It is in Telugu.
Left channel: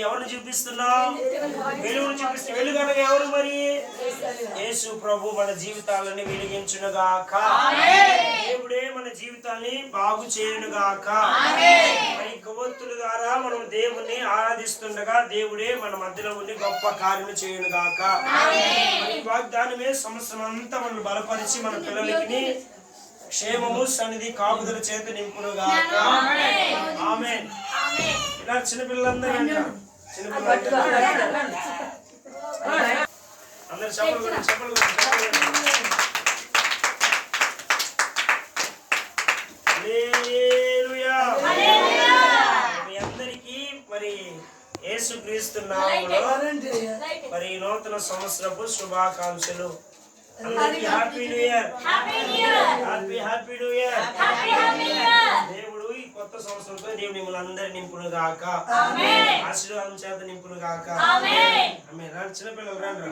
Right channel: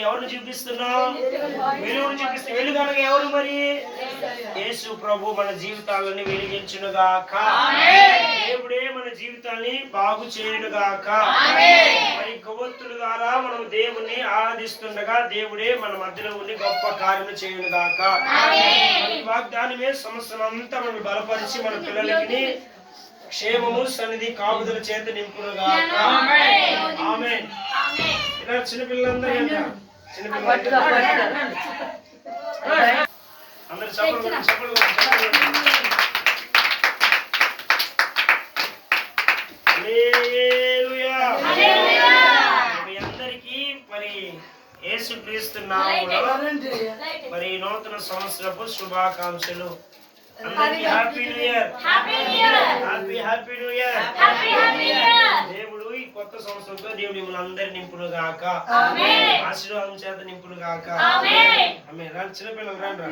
ఎవరిని చూపిస్తున్నాం? వెలుగును చూపిస్తూ. వెలుగు అనగా ఎవరు మరి? యేసు ప్రభు మన జీవితాలను వెలిగించునుగాక. దేవుడే మన జీవితాన్ని బాగు చేయునుగాక. మరి కొవ్వొత్తుల ద్వారా మనం దేవుణ్ణి ఆరాధిస్తుండగా దేవుడే మన మధ్యలో ఉండి గొప్ప కార్యము చేయునుగాక. ఈ వాగ్దానమే సంవత్సరం అంతా మనం బలపరిచి మన పిల్లలకి క్షేమము సన్నిధి కాపుదల చేత నింపునుగాక. ఆమేన్. ఇలా చిన్నపిల్లలందరూ చిన్నపిల్లలు అందరు చెప్పలు మీ అందరికీ మరి యేసుక్రీస్తు నామములో మరి నూతన సంవత్సరపు శుభాకాంక్షలు. అందరికీ happy new year. Happy new year. దేవుడు ఈ కొత్త సంవత్సరంతో దేవుడు మిమ్మల్ని అందరి నింపును గాక. ఆశీర్వాదం చేత నింపును గాక. ఆమేన్. రండి చిన్నపిల్లలు రండి.